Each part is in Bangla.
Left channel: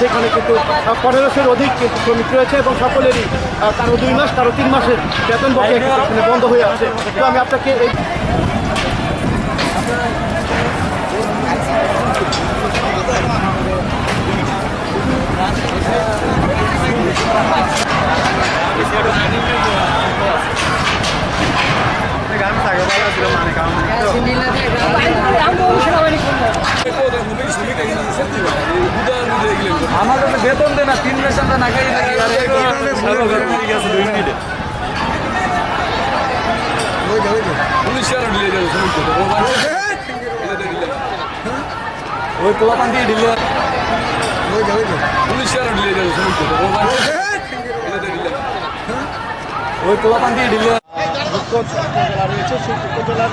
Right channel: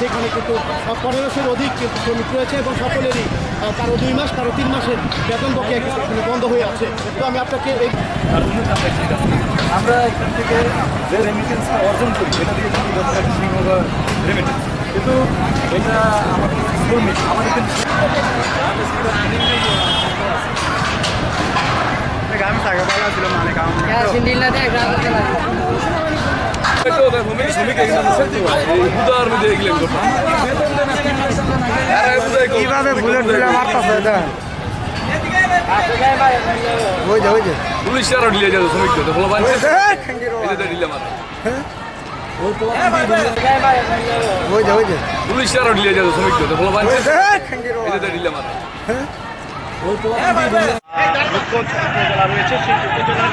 সেখানে কিন্তু 1500-এর অধিক কিন্তু শ্রমিক রয়েছে এবং সকলেরই কারো 2 মাস কারো 3 মাসের বেতন বকেয়া এখানে বন্ধ হয়ে আছে। তো আমি আপনাকে এই আমাদের বেতন দেয় না 3 মাস আমরা না খাই কিভাবে পুলিশ আর ঢিলে যাবে শ্রমিক তো বলো ভাই এটা ঢিলে মার ওই পোলাপান দিয়ে ঢিলে পুলিশ আর ঢিলে যাবে শ্রমিক তো বলো ভাই এটা ঢিলে মার ওই পোলাপান দিয়ে ঢিলে উপজেলা রয়েছে সেই উপজেলার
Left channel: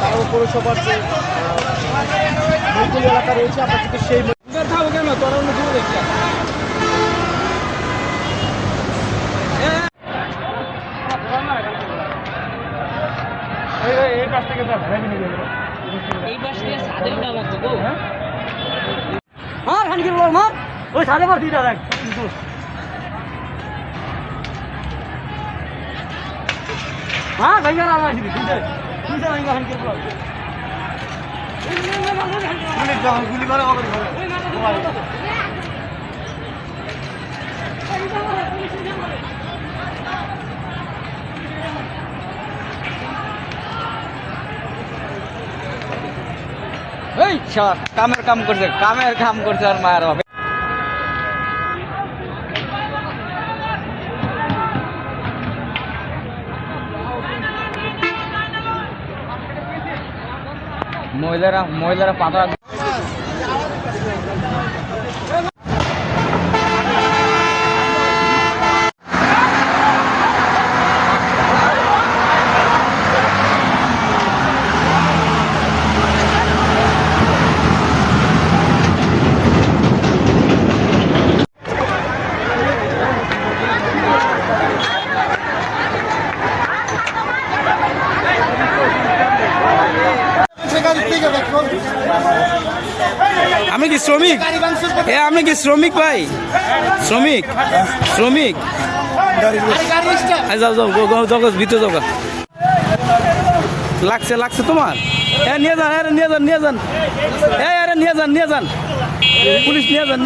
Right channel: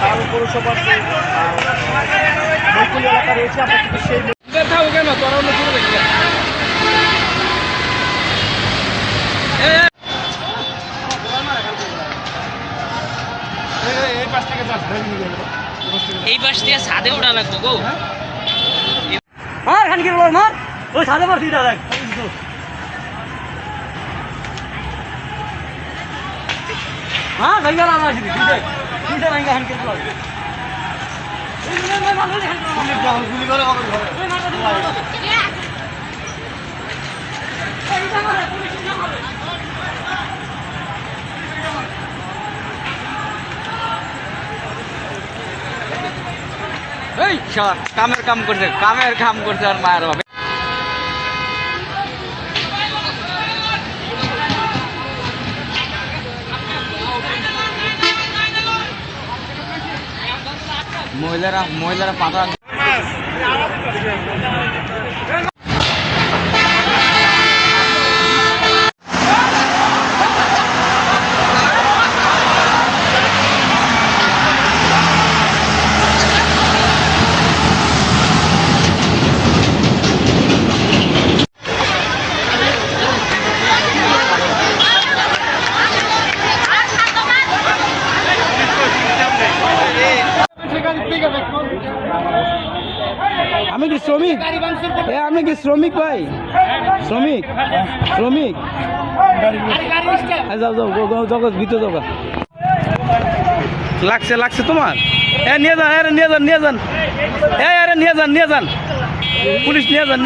তার পৌরসভার যে মৈকুল এলাকা রয়েছে আমরা কিন্তু সেই কেন তোর অন্য দূরে দেখি এই পাশ থেকে ছাদে ওঠা লাগবে গো মার খান কি মার ওই ছাদে মার দিটা দেখ হ্যাঁ ভাইয়া আমার দিদি দিদা ভাইয়া খান কি বল গুলি করে এই কামের কাম করছে আর মার হবে মহিলারা পাতা আমি কি শ্রমিক আমি কি শ্রমিক ভাই শ্রমিক যাও যাও ভিতরে যাও লাগছে তোমার নিয়ে যান নিয়ে যান পুলিশ নিয়ে যান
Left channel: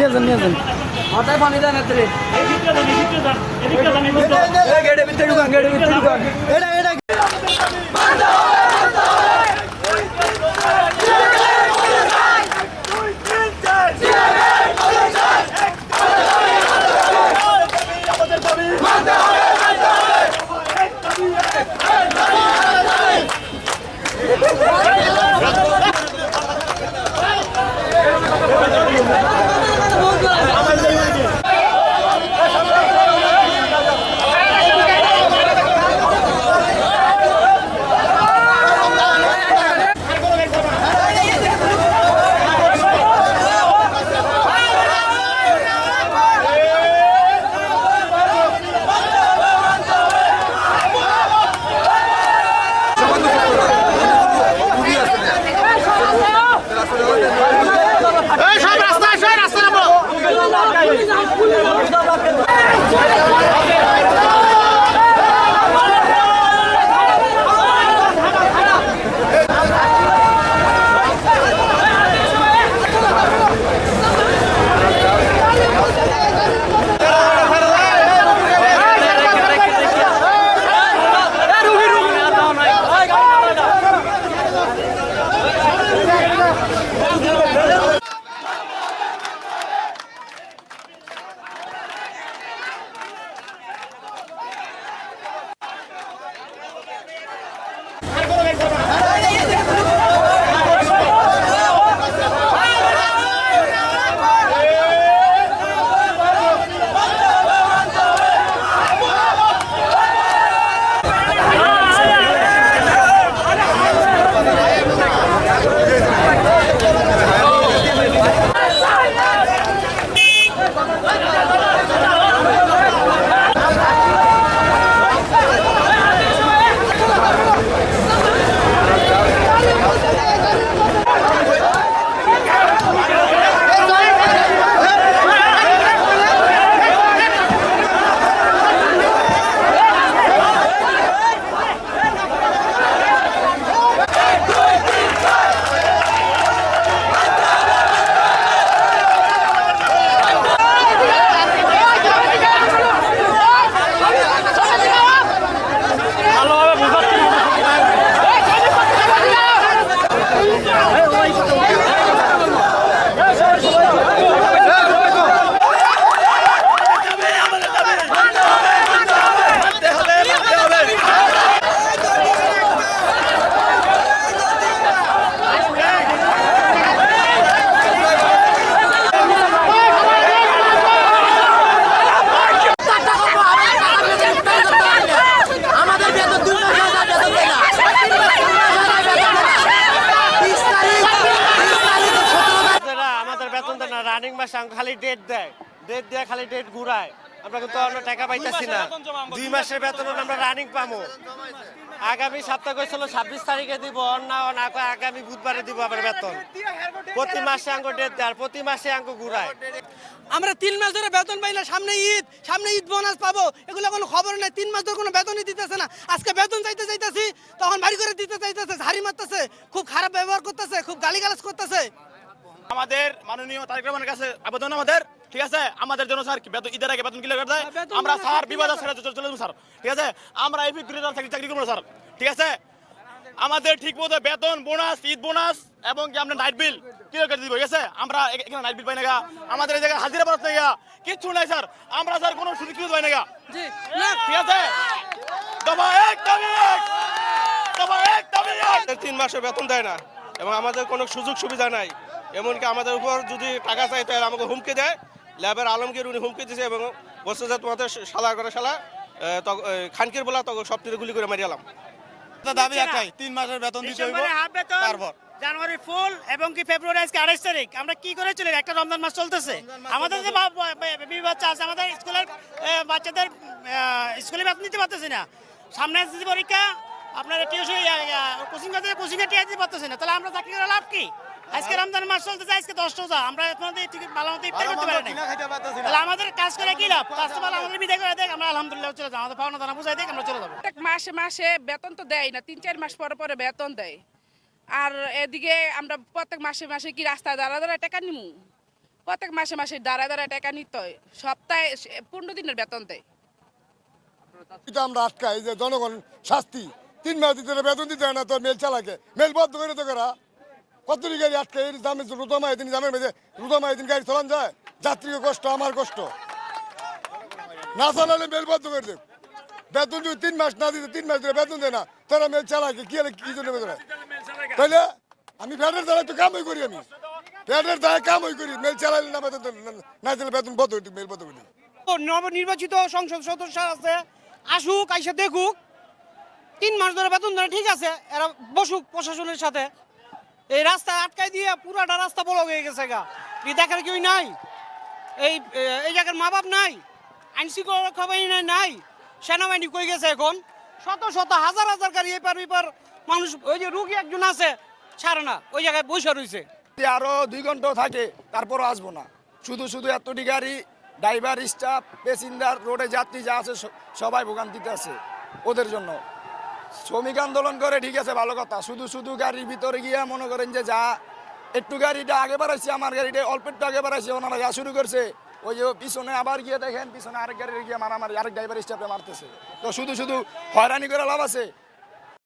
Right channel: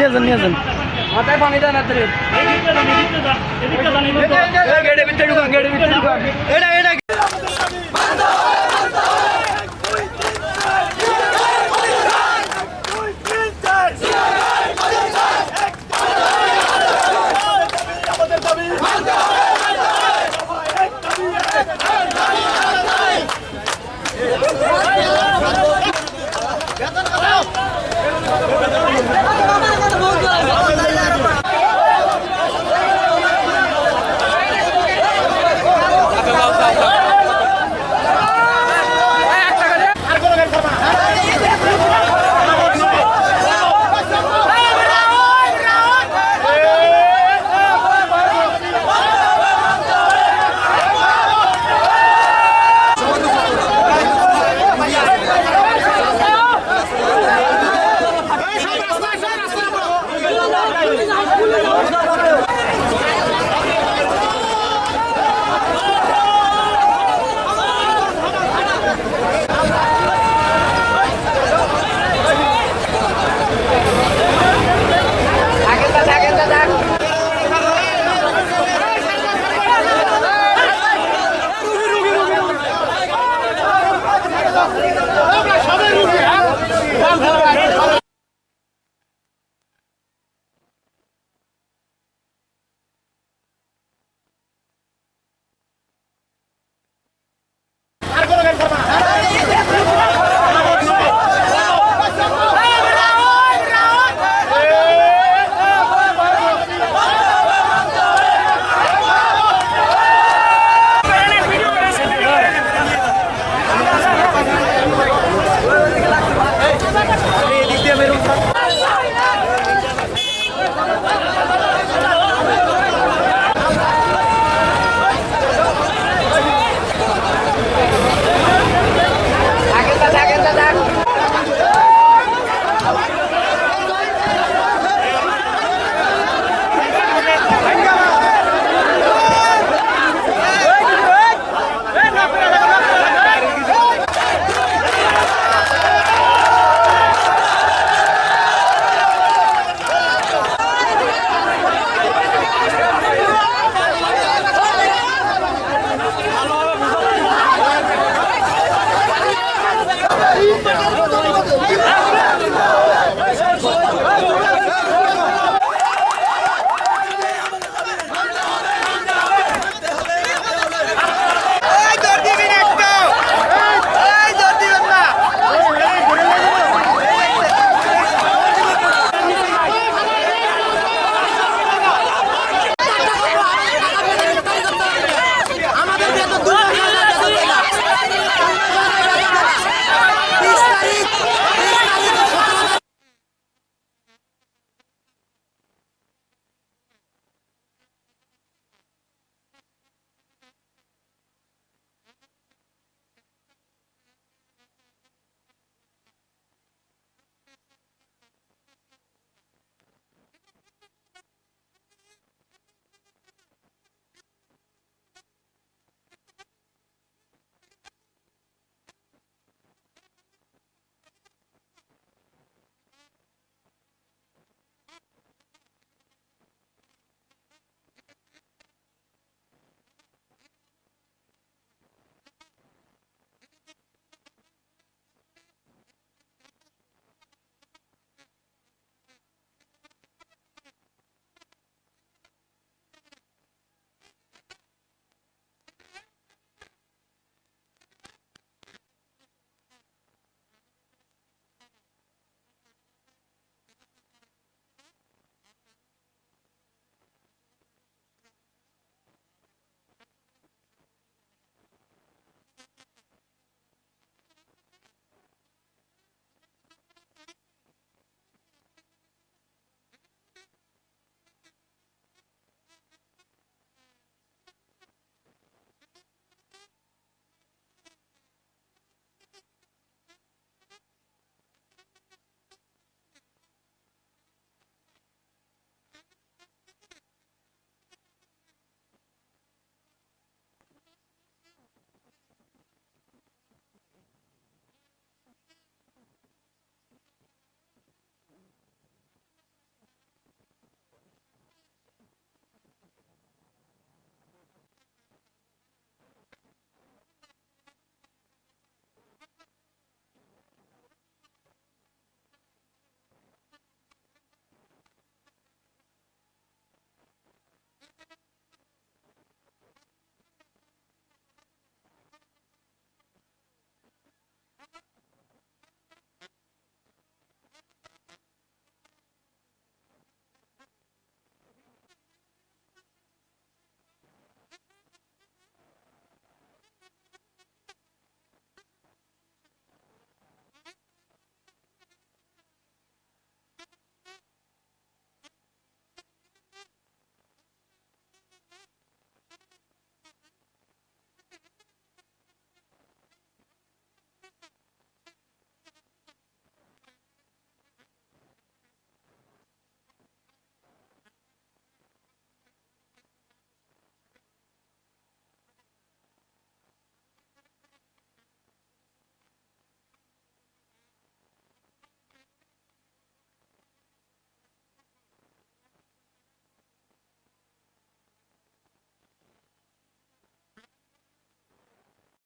ডেট দিয়ে খালি ডেট ঘুরায়, আমরা কিন্তু আমরা টাকা পাইতেছি না। 2 মাসের বেতন আমরা রানিং পাবো। আগামী সপ্তাহে কইছিল 26 তারিখে দিব, না আগামী বুধবারে দিব আবার বেতন। প্রতি মাসে আঙ্গ ডেট দেয়, প্রতি মাসে আঙ্গ ঘুরায়। আমরা 3 মাস ধরে বেতন পাই না, সামনে ঈদ বোনাস পাবো, এগুলো কোনো খবর নেই। 3 মাস ধরে কোনো বেতনই দিতেছে না। আজকে বেতন চাইতেছি, তখন বাড়ি করে দিতে চাইতেছে, ঝাড়ি মারতেছে, খুব খারাপ ব্যবহার করতেছে, খুব গালিগালাজ করতেছে। আমাদের মাননীয় তারেক রহমানের কাছে আবেদন আমাদের, ঠিক আছে, আমাদের জন্য স্যার বেতন ঈদের আগে বেতন ক্লিয়ার করে দেয়। আমরা স্যার বিবাদ ছেড়ে চলে যাবো স্যার, ঠিক আছে। আমরা এই বিক্রিদার চাকরি করবো স্যার, ঠিক আছে। আমাদের ঠিক মতো বেতন, বোনাস, ঈদ বোনাস এবং কি আমরা নাইট বিল ক্লিয়ার করে দিব, ঠিক আছে। আমরা এখানে নাইট বিল পাই না গা, আমাদের এই জায়গায় হাজিরা পাওয়া গা, কিচ্ছু নাই স্যার। আমরা স্যার কোনো সুযোগ সুবিধা পাই না গা, ঠিক আছে। দফা এক, দাবি এক, দফা এক, দাবি এক। 3 মাসের বেতন দেয় না এবং আমাদের কোনো সুযোগ সুবিধা নাই। এমনকি আমাদের উপর যদি টাকা চাই তাহলে আমাকে হুমকি দেয়। ল্যাবের আলমগীর উনি হুমকি দিয়েছে এবং বলছে যে তোমাদের শালা করে শালা খানকির বলা তো সব তীরে গুলি করে মারিয়ালাম। দাবি একটাই, 3 মাসের বেতন দিতে হইব। তারপর জানুয়ারি ফুল এবং কি ফেব্রুয়ারি আজকে 28 তারিখ, আমরা কি করে চলে? একটা রমজান মাস চলতেছে, আমাদের যে বাচ্চা আছে, আমাদের স্কুলের বাচ্চাদের স্কুলে বেতন দিতে পারতেছি না। সামনে এসএসসি পরীক্ষা, আপনার টিউশন কোচিং এর টিয়া দিতে পারতেছি না, তাহলে আমরা চাকরি করে লাভ কি? আজকে রমজান মাস চলতেছে, আজকে 10 রোজা, আমরা আপনাদের ভালো মতো ইফতার করতে পারি না, তাহলে আমাদের কাজ করে কি লাভ? কাজ তো ভালো আমাদের বিদায় করে দেয়, আমরা আলহামদুলিল্লাহ চলে যাবো, আমাদের পাওনা দানা বুঝাই দেয়, আমরা চলে যাবো। প্রত্যেক মাসে মাসে বেতন তো দেয় না, 3-4 মাস পরে পরে বেতন দেয়। আর এদিকে আমরা প্রত্যেক মাসে মাসে কি রাস্তায় দাঁড়া টাকা নিমু? প্রত্যেক মাসে মাসে দাঁড়া টাকা নিতে হয়, সপ্তাহে 15 দিনের বেতন দেয়। এটা আমরা আটকাই যে জনগণ শাস্তি 3 মাস দিতে বেতন দিতে হয় না, তো মেল চালাকে মেল বদ্ধ করে তো করা কত গাড়ি আটকে দামে রুদামায় দিন দামের মেঝে রুদামায় দিন গাড়ি চালান যায়, যাত্রীকে কষ্ট, আমার কষ্ট, না চালালে মেল বদ্ধ করে দেব। বেতন যদি 3 মাস না দিতে 3 মাস ধরে বেতন দেয় না, তারা মেল চালাকে কি জন্য বেতন হয়? তাহলে আমি ফ্যাটের দ্বারা তো কামই করি, আমি ফ্যাটের দ্বারা কামই করি, মেল চালালে না বেতন না দিলে বেতন বদ্ধ হইতে মেল বদ্ধ করে। নবনির্বাচিত সংসদ সদস্য আছে, আসুক, আইসা দেখুক, 3 মাস ধরে বেতন ধরে, ঠিক আছে, এরা বসুক প্রশাসনের সাথে। এই রাস্তা আটকাই দিয়ে পুরাটা রাস্তা বড় হয়ে গেছে গা, দেখার কেউ নাই, এই জায়গার মা বাপ নাই, আইন শৃঙ্খলা রক্ষা বাহিনী নাই, সেনাবাহিনী কই গেছে এখন? শত শত হাজার হাজার গাড়ি এপার বিপার মানুষ, ওই যে রুগী একজন আছে ছাড়ে না, ওই জায়গায় বসে রয়েছে। আরো 2 ঘন্টা থাকে, তারপরও আসবো না। শুধু এতটি গাড়ি, ড্রাইভার, স্টাফ, প্যাসেঞ্জার, রোডে যাত্রী যা আছে সবাই ভোগান্তিতে আছে ওদের জন্য। শ্রমিক আন্দোলন করে ঠিক আছে, ভালো কথা। শুধু গাড়ির ভিতরে গিয়ে মনে করেন যে যা একটু গাড়িটা আগে বাড়াইছে, আমার গাড়িটা অল্প একটু আগে বাড়াইছে, ওনারা যা শুরু করছে, ওই যে পিছনে আবার গিয়ে দেখেন পিছনে আরেক গাড়ি গিয়ে মারামারি, আরেক ড্রাইভার স্টাফে মারতেছে। তো শুধু হয়রানি করে লাভ আছে?